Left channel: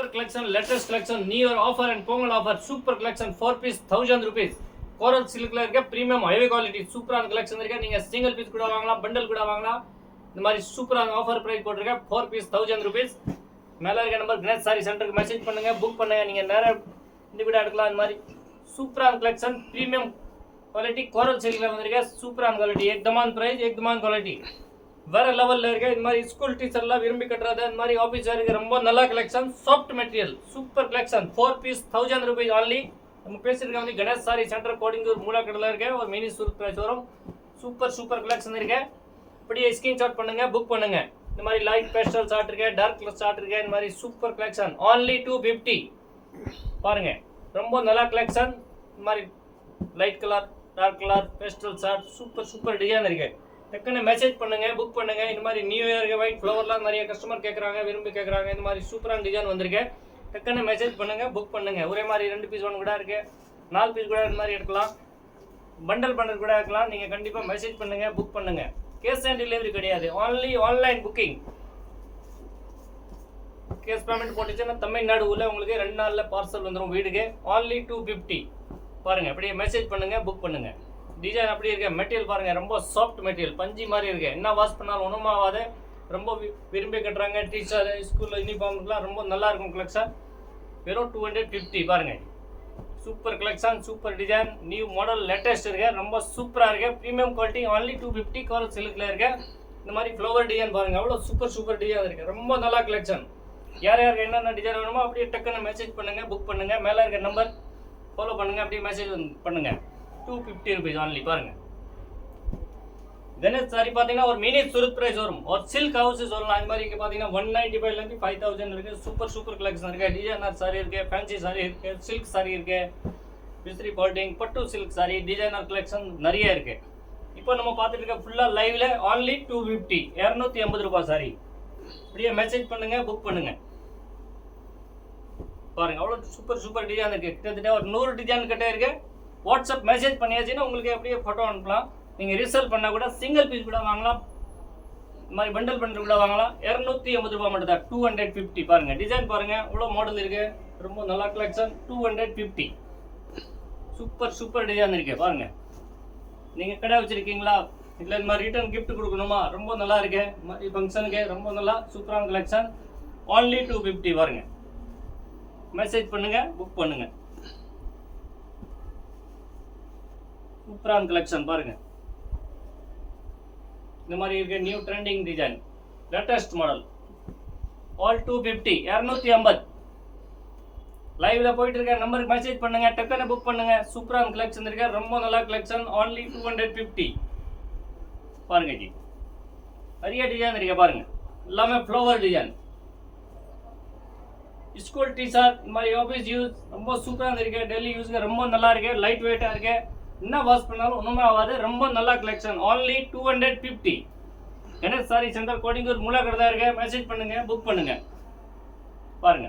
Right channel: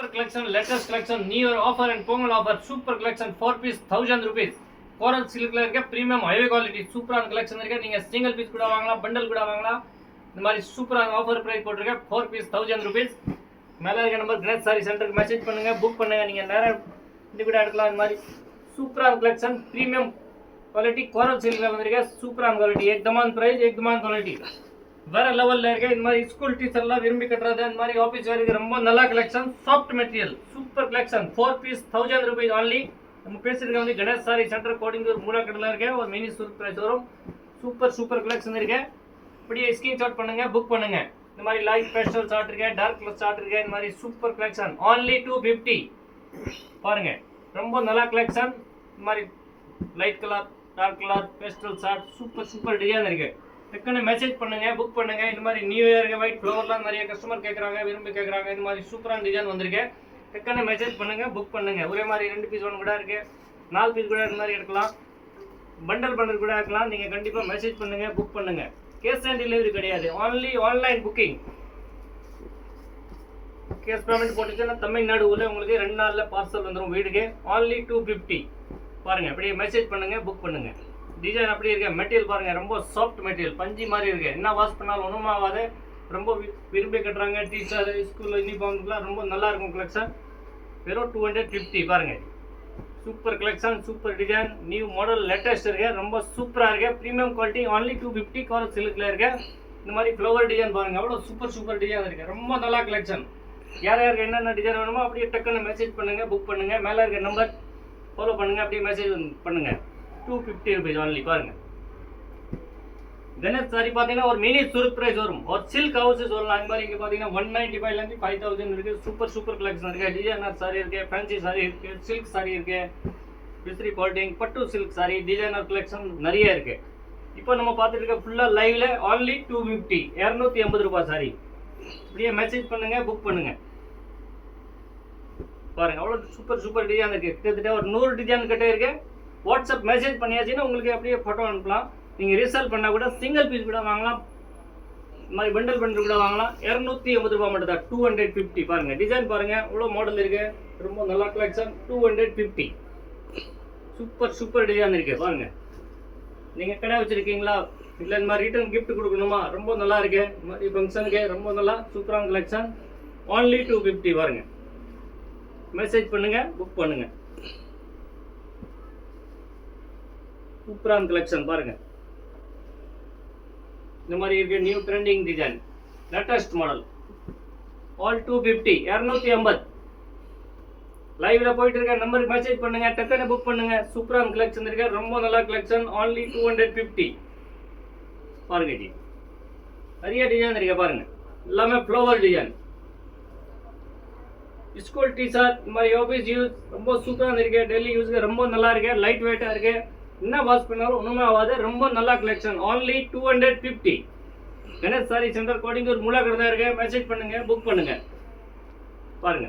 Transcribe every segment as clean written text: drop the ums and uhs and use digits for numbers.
Super collection, latest collection, new year offer and pongal offer. Super collection, 4 piece 1000 rupees. Coral silk la irukka premium heavy quality super ஆன collection irukka. நீங்க single piece கூட வாங்கலாம், bundle கூட வாங்கலாம். இந்த மாதிரி சூப்பரான ஆஃபர் பிரைஸ் போட்டுருக்க 4 piece 1000 rupees. மேல இருக்க நம்பர் கிரேட் சாரி சென்டருக்கு மெசேஜ் பண்ணுங்க, புக் பண்ணுங்க. நீங்க நேரா இந்த கூட எடுக்கலாம். இந்த மாதிரி சூப்பரான collection, premium quality coral silk la வந்திருக்க சூப்பரான quality, एकदमान price, एकदमान quality. வேற லெவல்ல இருக்க. இந்த மாதிரி ஸ்கூல் டீச்சர் எல்லாம் விரும்பி கட்டுறது, இந்த மாதிரி ஆபீஸ் வேருக்கு ரொம்ப நல்ல collection. Soft material, super collection. 4 piece 1000 rupees only. நம்ம பேசிருக்க வந்து கணேஷ் சாரி சென்டர் கோடிங்கூர் மூலக்கடல இருக்க ஒரு மினி சூப்பர் பிரைஸ் வரும். சூப்பர் கலெக்ஷன் இருக்கு. அப்படியே ஸ்கிரீன்ஷாட் பண்ணுங்க, புக் பண்ணுங்க. இந்த மாதிரி லைட் பேஸ்டல் சார்ட் இருக்கு, டார்க் கலர் சார்ட் இருக்கு. இந்த மாதிரி சூப்பர் கலெக்ஷன் only 250. பாருங்க ரொம்ப நல்ல கலெக்ஷன். இந்த மாதிரி light colour, dark colour, pastel shirt super design இருக்கு. டக்குன்னு மெசேஜ் பண்ணுங்க, புக் பண்ணுங்க. இந்த மாதிரி நியூ இயருக்கு ஒயிட் ஃப்ளவர்லாம் நிறைய கஸ்டமர் கேட்குறாங்க, விரும்பி கேட்குறாங்க. இந்த மாதிரி சூப்பரான டிசைன் வந்திருக்கு. டக்குன்னு மெசேஜ் பண்ணுங்க, புக் பண்ணுங்க. ஒரே மாதிரி 2 பீஸ் ஒன்று கூட இருக்கு, 4 பீஸ் கூட இந்த மாதிரி எடுக்கலாம், பண்டல் கூட இருக்கலாம். நீங்கள் கண்டிப்பாக மெசேஜ் பண்ணுங்க, புக் பண்ணுங்க. கேஷ் ஆன் டெலிவரி கிடையாது, only online booking. Cash payment போட்டுச்சுன்னா தமிழ்நாடு உள்ள உங்களுக்கு 2 நாளில் பார்சல் வந்துடும் வீடுக்கு. only 250. பாருங்க அப்படியே மெசேஜ் பண்ணுங்க, புக் பண்ணுங்க. டிசைன் அப்படி இருக்கு. மெட்டீரியல் பாருங்க ரொம்ப சாஃப்ட் மெட்டீரியல், பஞ்சு மாதிரி இருக்கு. என்ன வாஷ் பண்ணாலும் ஒன்றும் ஆகாது. ரொம்ப விரும்பி கட்டுறாங்க. டீச்சர் ஸ்கூலில் யூனிஃபார்முக்குலாம் ரொம்ப நல்லா இருக்கும் கலெக்ஷன். வெறும் 250. பாருங்க super collection, super design, new model, latest இருக்கு. ரொம்ப சூப்பராக இருக்கு. Premium quality, only 250. கோரல் சில்கில் இருக்கு. இந்த மாதிரி ஃப்ளவர் டிசைன் பாருங்க எவ்வளோ சூப்பர் டிசைன் இருக்கு. ரொம்ப நல்லா கலெக்ஷன். யாருக்கு என்னென்ன டிசைன் வேணுமோ அப்படியே டக்குன்னு மெசேஜ் பண்ணுங்க, புக் பண்ணுங்க. மேலே இருக்க நம்பர் ஃபாலோ பண்ணுங்க, அப்படியே மெசேஜ் பண்ணுங்க. 250 rupees only. பாருங்க கணேஷ் சாரி பார்த்தீங்கன்னா ஒரு மினி சூரத் பிரைஸ் வரும். ஒரு சில்க் ஹவுஸ் சொல்லலாம். அந்த மாதிரி இங்கே பார்த்தீங்கன்னா 195 5000 இருக்கு. சூப்பர் கலெக்ஷன் இருக்கு. டிசைனர் சாரி இருக்கு, ஃபேன்சி சாரி இருக்கு, சில்க் சாரி இருக்கு, பிஸ்ரி பால்டிங், பட்டு சில்க் சாரி, டிசைனர் கலெக்ஷன் நிறைய இருக்கு. இப்போ நம்ம பார்த்துட்டு இருக்க ஃபுல்லாக லைவ்ல only 250, 280 ரூபாய் சாரி. அப்படியே மெசேஜ் பண்ணுங்க, புக் பண்ணுங்க. பாருங்க அவ்வளோ சூப்பர் டிசைன் இருக்கு. கிட்டத்தட்ட ஒரு 100 டிசைன் கிட்டே இருக்கு. வாட்ஸ்அப் மெசேஜ் பண்ணியாச்சுன்னா உங்களுக்கு அப்படியே ஃபோட்டோ அனுப்பலாம். நீங்கள் ரீசேல் பண்ணால் கூட சிங்கிள் பீஸ் கூட வாங்கலாம், இந்த மாதிரி பண்டல் கூட வாங்கலாம். 280 ரூபா மட்டும் தான், 250. பாருங்கள் டிசைன் பாருங்கள் இவ்வளோ மாடல் இருக்குது. ரொம்ப நல்லா கலெக்ஷன். 250. சூப்பர் டிசைன் இருக்குது. பாருங்கள் நீங்கள் கடை வச்சுருக்கீங்களா, இல்லை இந்த மாதிரி ரிட்டர்ன் கிஃப்ட் கொடுக்கணுமா, ரொம்ப நல்லா இருக்கு. இந்த மாதிரி ஃபங்க்ஷனுக்கு ரொம்ப நல்லா சூப்பரான கலெக்ஷன். only 250. பாருங்கள் மெசேஜ் பண்ணுங்கள், புக் பண்ணுங்கள். சூப்பரான கலெக்ஷன் பாருங்க. இந்த மாதிரி இருக்க new trending design, latest model. All 250, 250. லைவ்ல போயிட்டு இருக்க நம்பருக்கு மெசேஜ் பண்ணுங்க, டக்குன்னு புக் பண்ணுங்க. சூப்பரான கலெக்ஷன் இருக்கு. ரொம்ப நல்ல கலெக்ஷன். only 250. பாருங்க ஜி நிறைய டிசைன் இருக்கு. பாருங்க எல்லாமே ஃப்ளவர் டிசைன். ஸ்கூல் டீச்சர், இந்த மாதிரி ஆஃபீஸ் யூஸ் ரொம்ப சூப்பராக இருக்கு. டெய்லி யூஸ்க்கு ரொம்ப நல்லா இருக்கு. லைட் வெயிட்டாக இருக்கு. என்ன வாஷ் பண்ணாலும் ஒன்றுமே ஆகாது. ரொம்ப நல்ல collection. only 250. Ganesh sari centre கோடிங்கூர் மூலக்கடை இருக்கு. மெசேஜ் பண்ணுங்க, புக் பண்ணுங்க. பாருங்க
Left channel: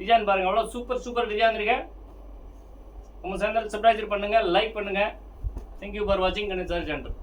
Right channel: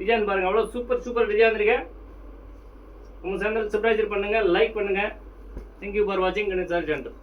டிசைன் பாருங்க அவ்வளோ சூப்பர் டிசைன் இருக்கு. உங்க சேனல் சப்ஸ்கிரைப் பண்ணுங்க, லைக் பண்ணுங்க. தேங்க்யூ ஃபார் வாட்சிங் கணேஷ் சாரி சென்டர்.